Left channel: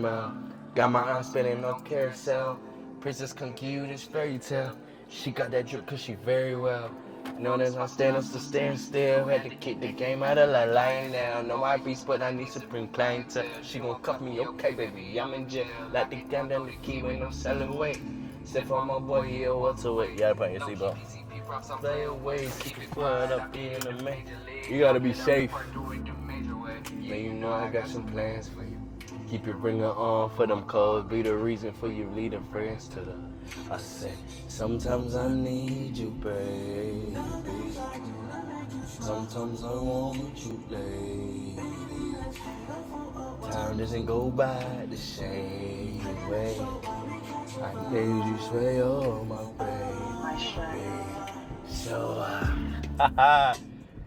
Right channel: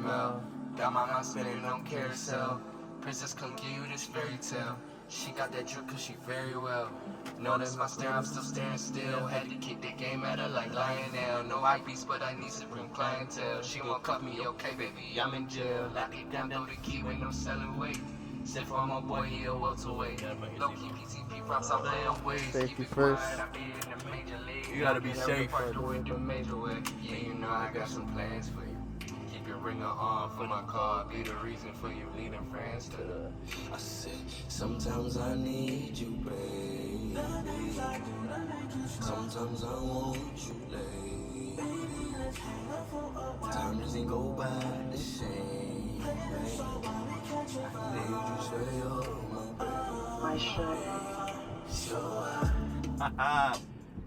caramel. Got my aunt spinning up carousel. Princess come give you this fairy tale. She got that drip cause she very well. Known as my stand-up to stand still. Had to kick the game out of like Lionel. No I beast, but I need to bring clientele. She gon' cuff me, okay baby, I'm in jail. Like the damn down the key when I'm selling weight. Except for my boy, he a welterweight. Yeah, put your seatbelt. You gotta be safe. Man, you know I got some plans for you. Keep your bringer on for them codes. Be the reason for you leading friends to the. I said, sometimes I need you, baby. Sometimes I want you, lady. Time doesn't go by the same way. I need you stay on my way. So,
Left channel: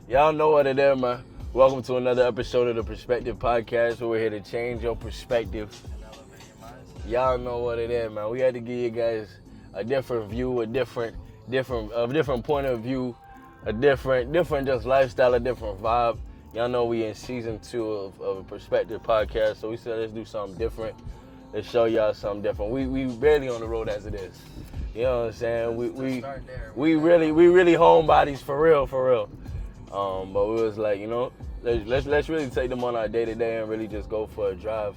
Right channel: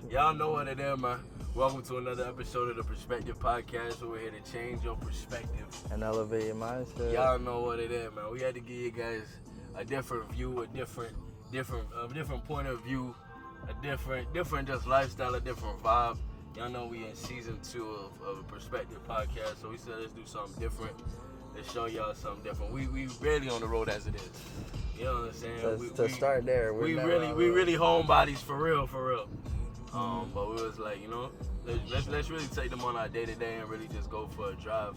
y'all know what it is, man. Welcome to another episode of the Perspective Pvdcast, where we're here to change your perspective and elevate your mindset. Y'all know what it is, man. We had to give you guys a different view, a different point of view, a different just lifestyle, a different vibe. Y'all know we in season 2 of a Perspective Pvdcast, so we said let's do something different. Let's show y'all something different. We barely on the road as it is. You know what I'm saying? We start there. We really homebodies for real. But we was like, you know, let's really take them on our day to day and really just go for a drive.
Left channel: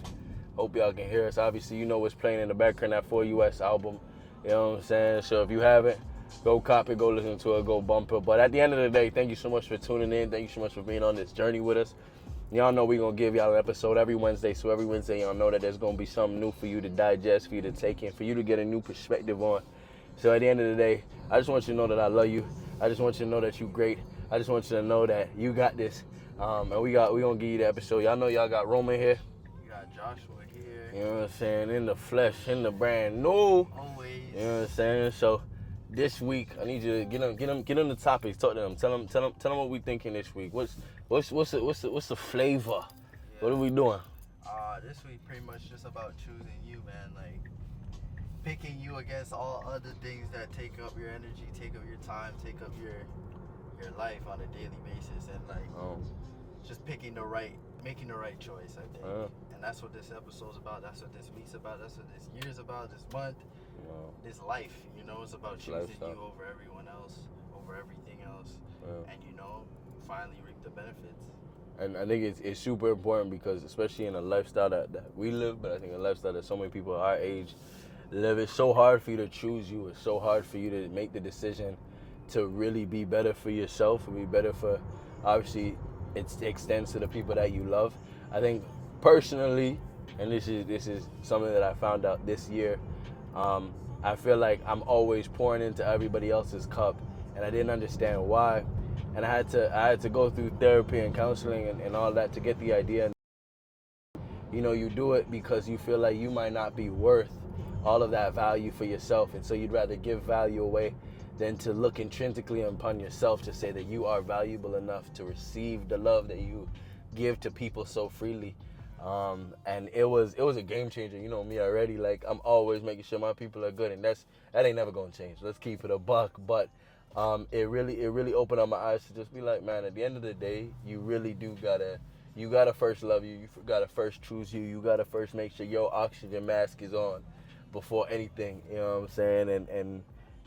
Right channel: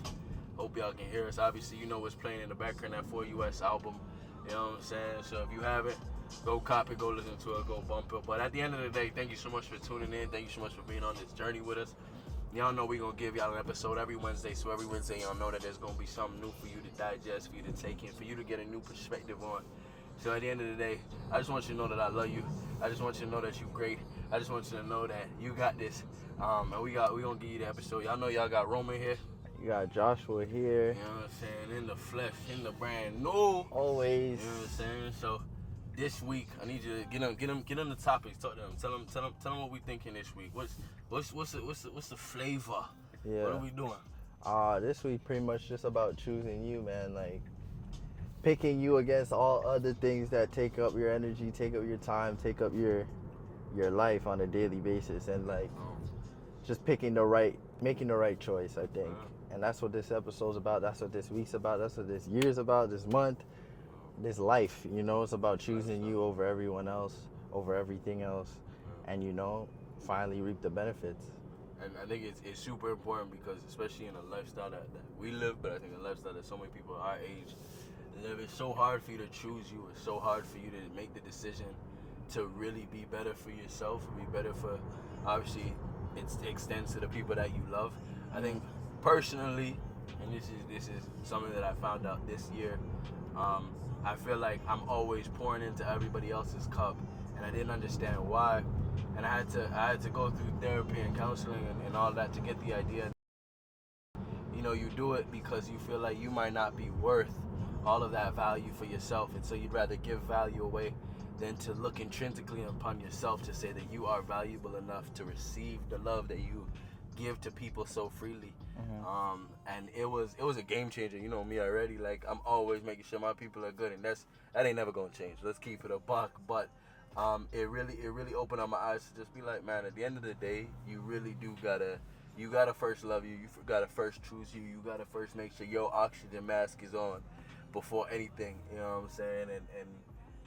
Hope y'all can hear us. Obviously, you know what's playing in the background, that 4US album. You know what I'm saying? So if you haven't, go cop it, go listen to it, go bump it. But at the end of the day, thank you so much for tuning in. Thank you so much for being on this journey with us. Y'all know we're going to give y'all an episode every Wednesday. So every Wednesday, y'all know that there's going to be something new for you to digest, for you to take in, for you to get a new perspective on. So at the end of the day, I just want you to know that I love you. I just want you to know that you're great. I just want you to know that you got this. And we gonna give you the episode. Y'all know y'all got Roman here. You got Joshua here. You know what I'm saying? In the flesh, in the brand new. Always. You know what I'm saying? So this week, I need you to get them the topics. Talk to them. Tell them what we thinking this week. What's the flavor? Yeah. What are we doing? This week pretty much just about choosing you, man. Like picking you against all other things that take up your energy, take up your time, take up your life on a daily basis, and like just making the right choice, I think. And that's what this episode's about. That's what this week's about. That's what this year's about. This month, this life. You know, it's about choosing you over everyone else, over everything else, and you know, finally reap the benefits. And I think it's super important because especially in a lifestyle that we live, but I think a lifestyle that so many people our age live, it's so hard for you to choose you. It's so hard for you to make the decision to really be better for yourself and be better for, obviously, it extends to the people that you love. I think personally, and this is something that I found out this year, I feel like I'm always pouring into everybody else's cup, and I didn't understand why. And I had to go through therapy and counseling and all that to get the idea. You know, you do it because you feel like you might not be worth all of that value for yourself, and so you'd rather give value away than to look intrinsically upon yourself to say that you are valuable enough to receive the love that you give to people so freely. And it was a game changer. You know me already. Like, I'm always making sure my people are good, and that ain't never gonna change. Let's keep it a buck. But it really opened up my eyes to just be like, man, at the end of the day, you really do gotta first love you. You gotta first choose you. You gotta first make sure your oxygen mask is on before anything. You know what I'm saying? And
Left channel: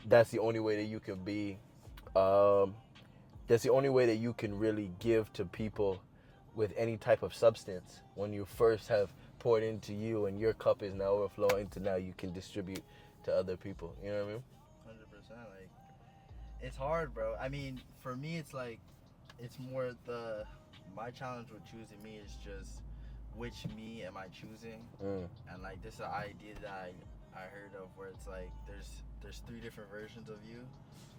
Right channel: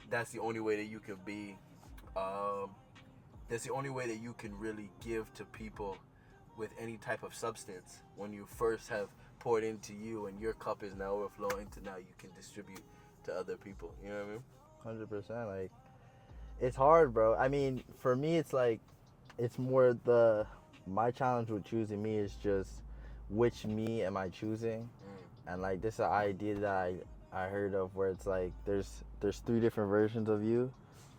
that's the only way that you can be, that's the only way that you can really give to people with any type of substance. When you first have poured into you and your cup is now overflowing to now you can distribute to other people. You know what I mean? 100%. Like, it's hard, bro. I mean, for me, it's like, it's more my challenge with choosing me is just which me am I choosing? And like, this is an idea that I heard of where it's like there's 3 different versions of you.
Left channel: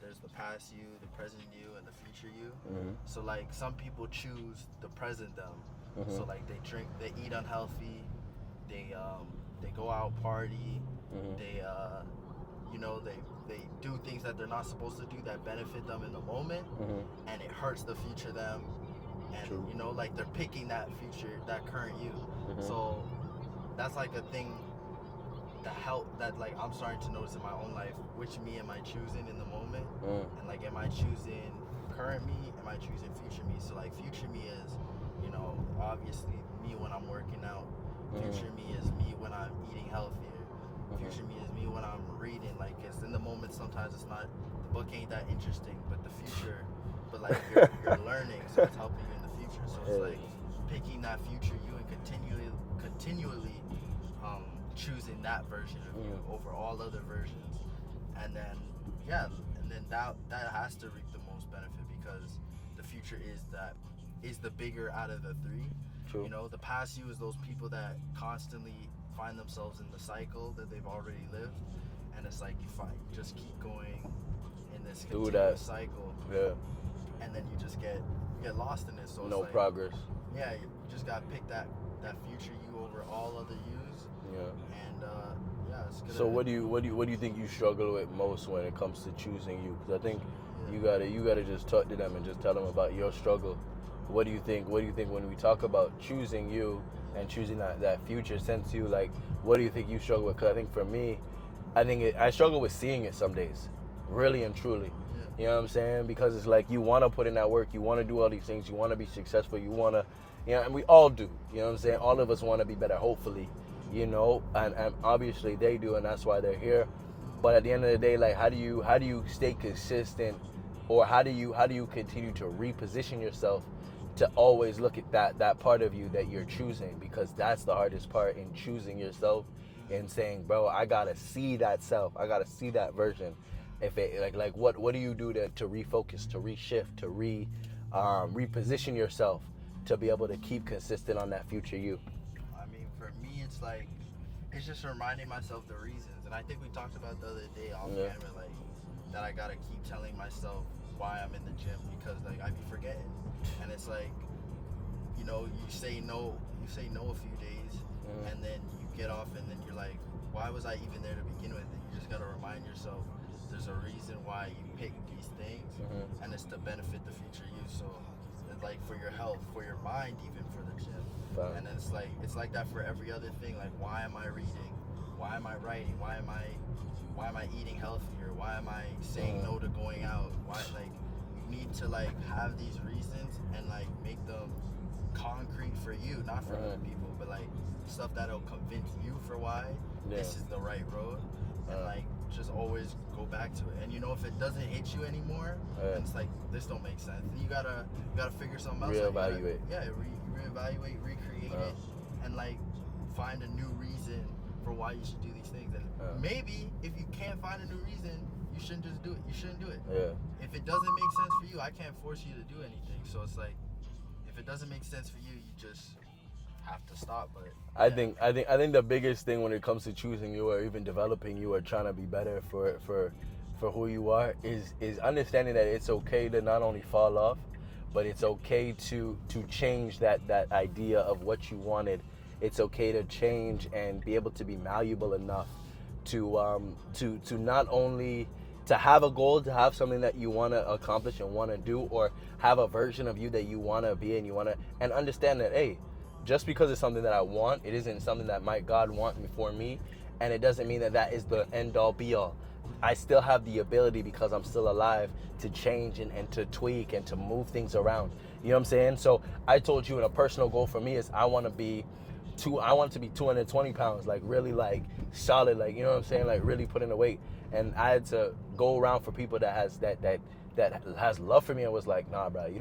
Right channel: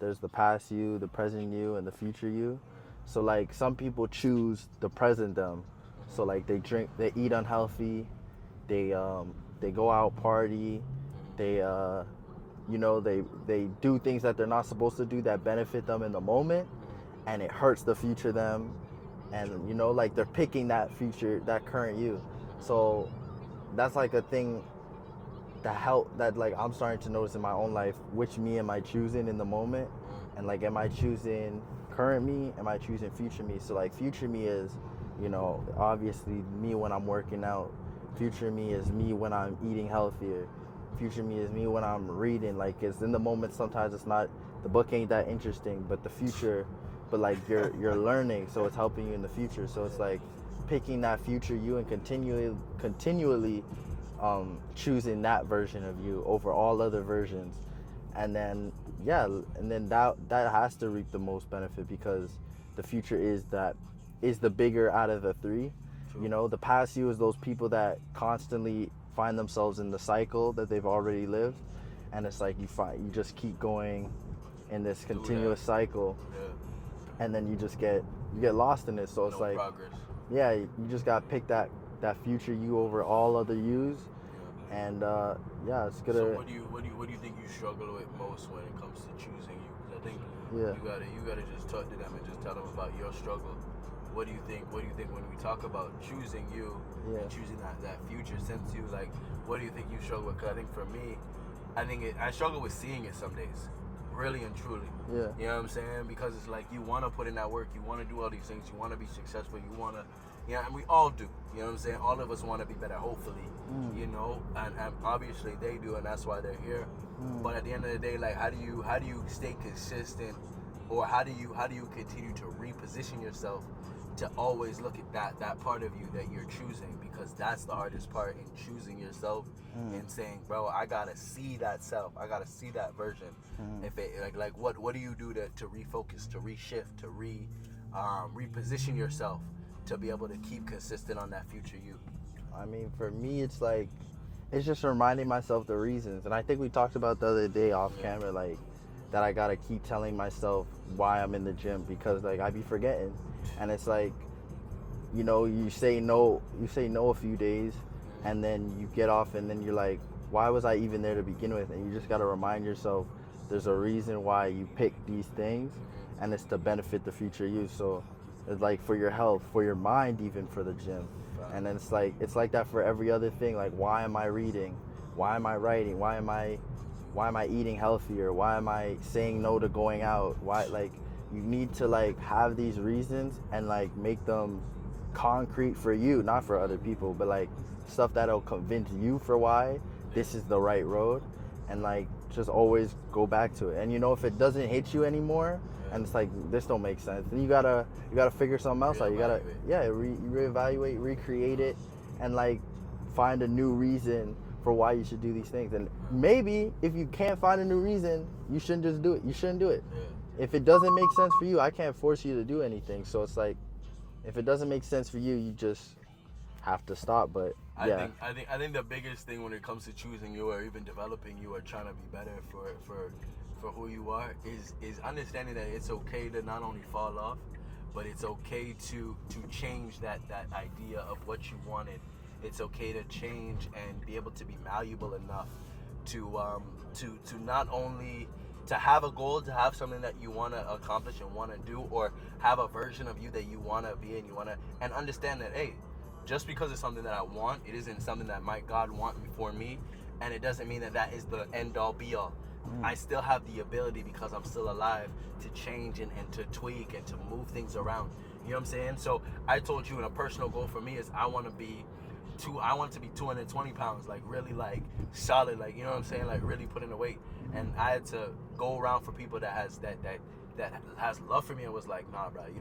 There's the past you, the present you, and the future you. So like some people choose the present them. So like they eat unhealthy, they go out party, they you know, they do things that they're not supposed to do that benefit them in the moment, and it hurts the future them, and you know, like they're picking that current you. So that's like a thing that like I'm starting to notice in my own life. Which me am I choosing in the moment? And like, am I choosing current me? Am I choosing future me? So like, future me is, you know, obviously me when I'm working out, Future me is me when I'm eating healthier. Future me is me when I'm reading. Like, it's in the moment. Sometimes it's not, the book ain't that interesting, but the future, but like you're learning, so it's helping you in the future. So it's like picking that future you and continually choosing that version of you over all other versions. And then that has to reap the most benefit, because the future is the bigger out of the three. True. You know, the past you is those people that constantly find themselves in the cycle that they've already lived, and it's like you just keep going in this continuous cycle, and then you get lost in it. So it's like progress. Yeah, you just gotta pick that future you over all other yous. Yeah. And it's gonna. So what do you think you struggle with most when it comes to choosing you? Because I think you gotta just talk to them and just tell them about your struggle. What do you think when we talk about choosing you and choosing that future sense you, like, what do you think you struggle with? Because I think for me, I struggle with seeing it some days, really and truly. Yeah. You know what I'm saying? Because it's like you want to put in that work, you want to do all these things, you want to be successful, you want to, and we all do. You know what I'm saying? All of us want to be better, hopefully. And obviously they do, and that's why they're here. But at the end of the day, like, how do you stay consistent, or how do you continue to reposition yourself to always look at that part of you that you're choosing? Because that's the hardest part in choosing yourself and saying, bro, I gotta see that self, I gotta see that version. If it like what do you do to refocus, to reshift, to reposition yourself to be able to keep consistent on that future you? I mean, for me, it's like, it's just reminding myself the reasons. And I think we talked about the other day off camera, like, that I gotta keep telling myself why I'm in the gym, because like I be forgetting. And it's like, you say no a few days, and then you get off, and then you're like, why was I even there to begin with? And you just gotta remind yourself there's a reason why you pick these things, and it's to benefit the future you. So it's like for your health, for your mind, even for the gym. And then it's like that for every other thing. Like, why am I reading? Why am I writing? Why am I eating healthier? Why am I saying no to going out? Why, like, you need to like have these reasons and like make them concrete for you, not for other people, but like stuff that'll convince you for why this is the right road. And like just always go back to it. And if it doesn't hit you anymore, and it's like, this don't make sense, then you gotta figure something else out. You gotta reevaluate, recreate it, and like find a new reason for why you should do these things. And maybe if you can't find a new reason, you shouldn't just do it. You shouldn't do it. If it doesn't make sense for you, I can't force you to do anything. So it's like, if it doesn't make sense for you, you just have to stop. But I think the biggest thing when it comes to choosing you or even developing you or trying to be better for who you are is understanding that it's okay to not only fall off, but it's okay to change that idea of what you wanted. It's okay to change and be able to be malleable enough to not only to have a goal, to have something that you want to accomplish and want to do, or have a version of you that you want to be and understand that, hey, just because it's something that I want, it isn't something that God want for me, and it doesn't mean that is the end all be all. I still have the ability, because I'm still alive, to change and to tweak and to move things around. You know what I'm saying? So I told you, in a personal goal for me is I want to be 220 pounds, like really like solid, like, you know what I'm saying, like really put in the weight. And I had to go around for people that has love for me and was like, nah, bro, you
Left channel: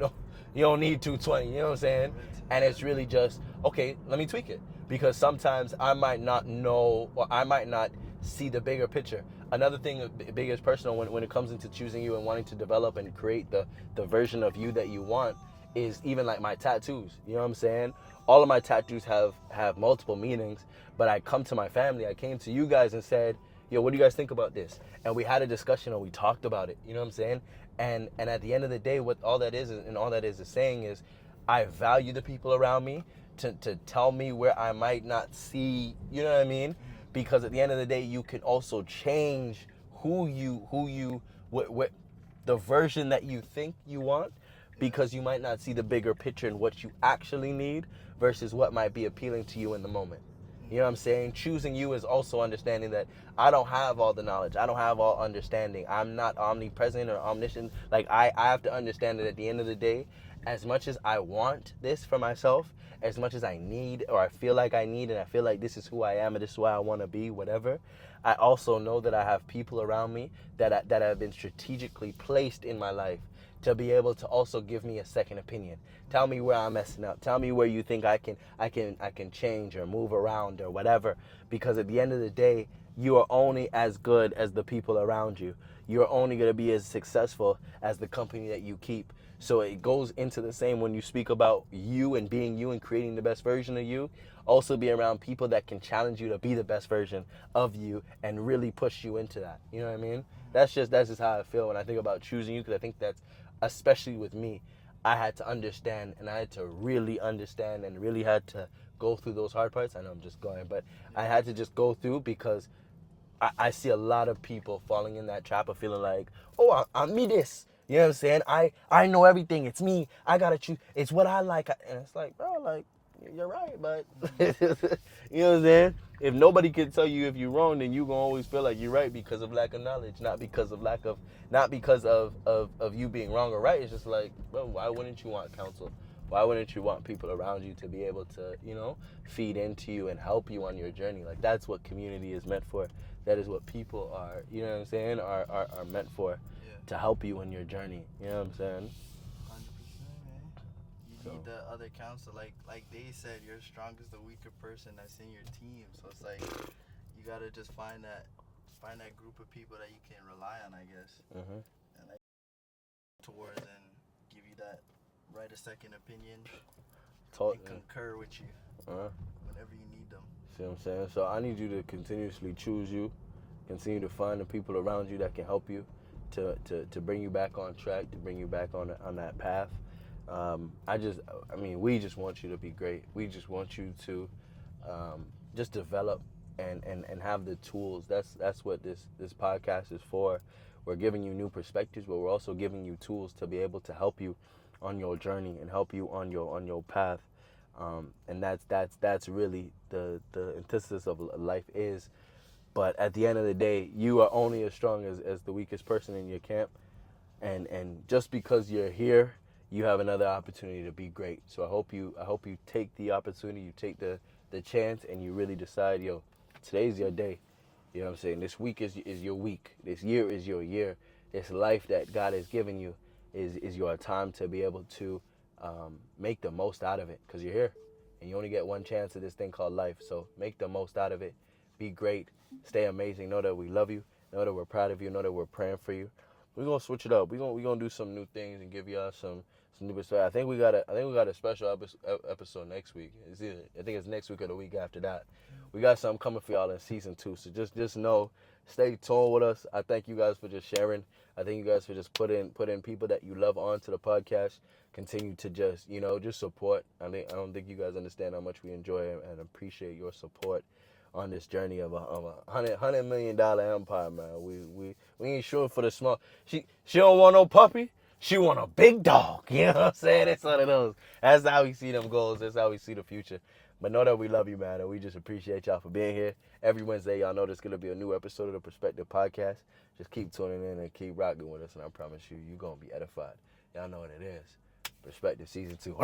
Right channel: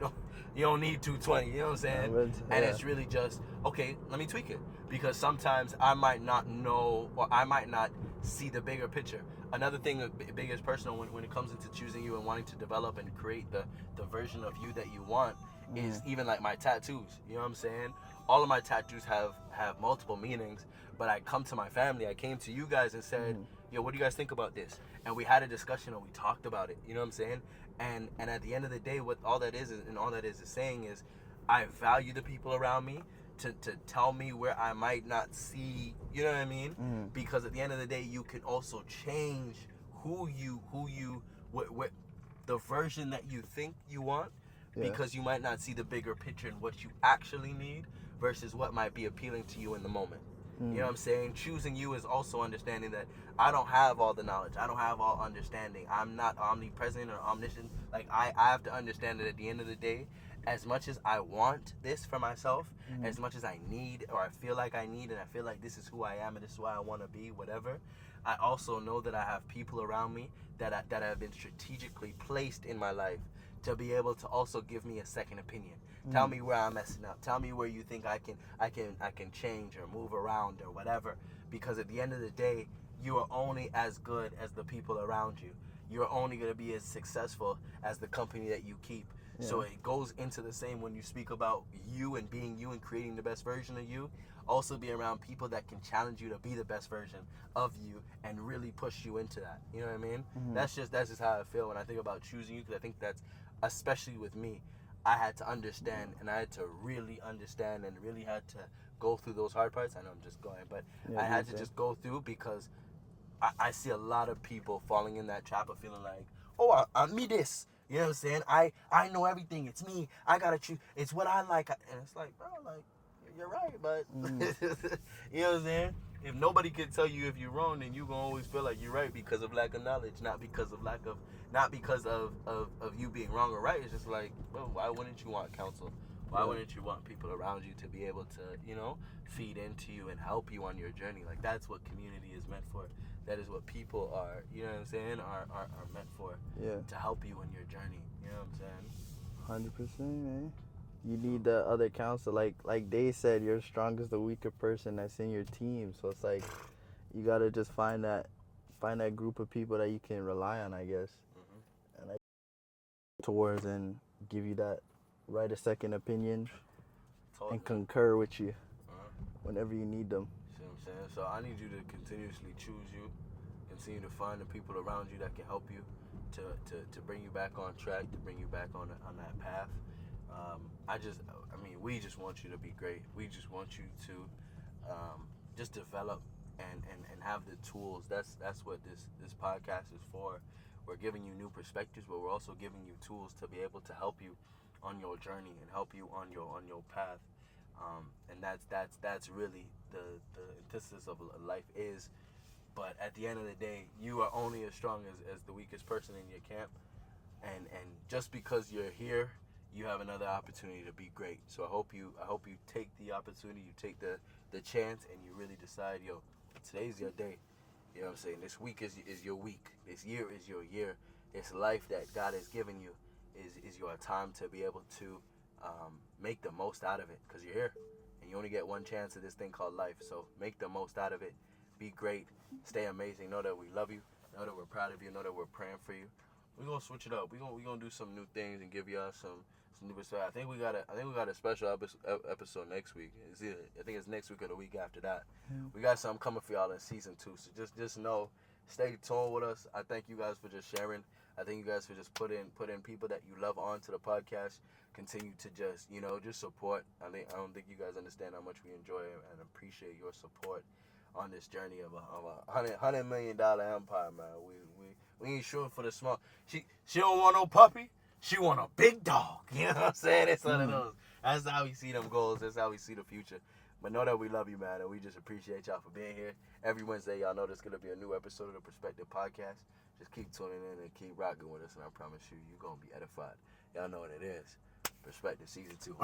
don't need 220, you know what I'm saying? And it's really just, okay, let me tweak it, because sometimes I might not know, or I might not see the bigger picture. Another thing, biggest personal, when it comes into choosing you and wanting to develop and create the version of you that you want, is even like my tattoos. You know what I'm saying? All of my tattoos have multiple meanings, but I come to my family, I came to you guys and said, yo, what do you guys think about this? And we had a discussion, and we talked about it. You know what I'm saying? And at the end of the day, what all that is saying is, I value the people around me to tell me where I might not see, you know what I mean? Because at the end of the day, you can also change what the version that you think you want, because you might not see the bigger picture and what you actually need versus what might be appealing to you in the moment. You know what I'm saying? Choosing you is also understanding that I don't have all the knowledge. I don't have all understanding. I'm not omnipresent or omniscient. Like, I have to understand that at the end of the day, as much as I want this for myself, as much as I need, or I feel like I need, and I feel like this is who I am and this is who I want to be, whatever, I also know that I have people around me that have been strategically placed in my life to be able to also give me a second opinion. Tell me where I'm messing up. Tell me where you think I can change or move around or whatever. Because at the end of the day, you are only as good as the people around you. You're only going to be as successful as the company that you keep. Yeah. So it goes into the same when you speak about you and being you and creating the best version of you. Also be around people that can challenge you to be the best version of you and really push you into that. You know what I mean? That's just how I feel when I think about choosing you, because I think that's, especially with me, I had to understand, and I had to really understand, and really had to go through those hard parts. I know I'm just going, but I had to just go through, because I see a lot of people falling in that trap of feeling like, oh, I'm me this. You know what I'm saying? I know everything. It's me. I gotta choose. It's what I like. And it's like, bro, like, you're right, but you know what I'm saying? If nobody can tell you if you're wrong, then you gonna always feel like you're right because of lack of knowledge, not because of you being wrong or right. It's just like, bro, why wouldn't you want counsel? Why wouldn't you want people around you to be able to, feed into you and help you on your journey? Like, that's what community is meant for. That is what people are, you know what I'm saying, are meant for. Yeah. To help you in your journey. You know what I'm saying? 100%, man. You need the other counsel. Like they said, you're strong as the weaker person that's in your team. So it's like, you gotta just find that group of people that you can rely on, I guess. And like towards and give you that right a second opinion and concur with you whenever you need them. See what I'm saying? So I need you to continuously choose you, continue to find the people around you that can help you to bring you back on track, to bring you back on that path. We just want you to be great. We just want you to just develop and have the tools. That's what this podcast is for. We're giving you new perspectives, but we're also giving you tools to be able to help you on your journey and help you on your path. And that's really the antithesis of life is. But at the end of the day, you are only as strong as the weakest person in your camp. And just because you're here, you have another opportunity to be great. So I hope you take the opportunity, you take the chance, and you really decide, yo, today's your day. You know what I'm saying? This week is your week. This year is your year. This life that God has given you is your time to be able to make the most out of it, because you're here. And you only get one chance at this thing called life. So make the most out of it. Be great. Stay amazing. Know that we love you. Know that we're proud of you. Know that we're praying for you. We're gonna switch it up. We're gonna do some new things and give y'all some new stuff. I think we got a special episode next week. I think it's next week or the week after that. We got something coming for y'all in season 2. So just know, stay tuned with us. I thank you guys for just sharing. I thank you guys for just putting people that you love onto the podcast. Continue to just support. I don't think you guys understand how much we enjoy and appreciate your support on this journey of a $100 million empire, man. We ain't shooting for the small. She don't want no puppy. She want a big dog. You know what I'm saying? It's one of those. That's how we see them goals. That's how we see the future. But know that we love you, man, and we just appreciate y'all for being here. Every Wednesday, y'all know there's going to be a new episode of the Perspective Podcast. Just keep tuning in and keep rocking with us, and I promise you're going to be edified. Y'all know what it is. Perspective Season 2.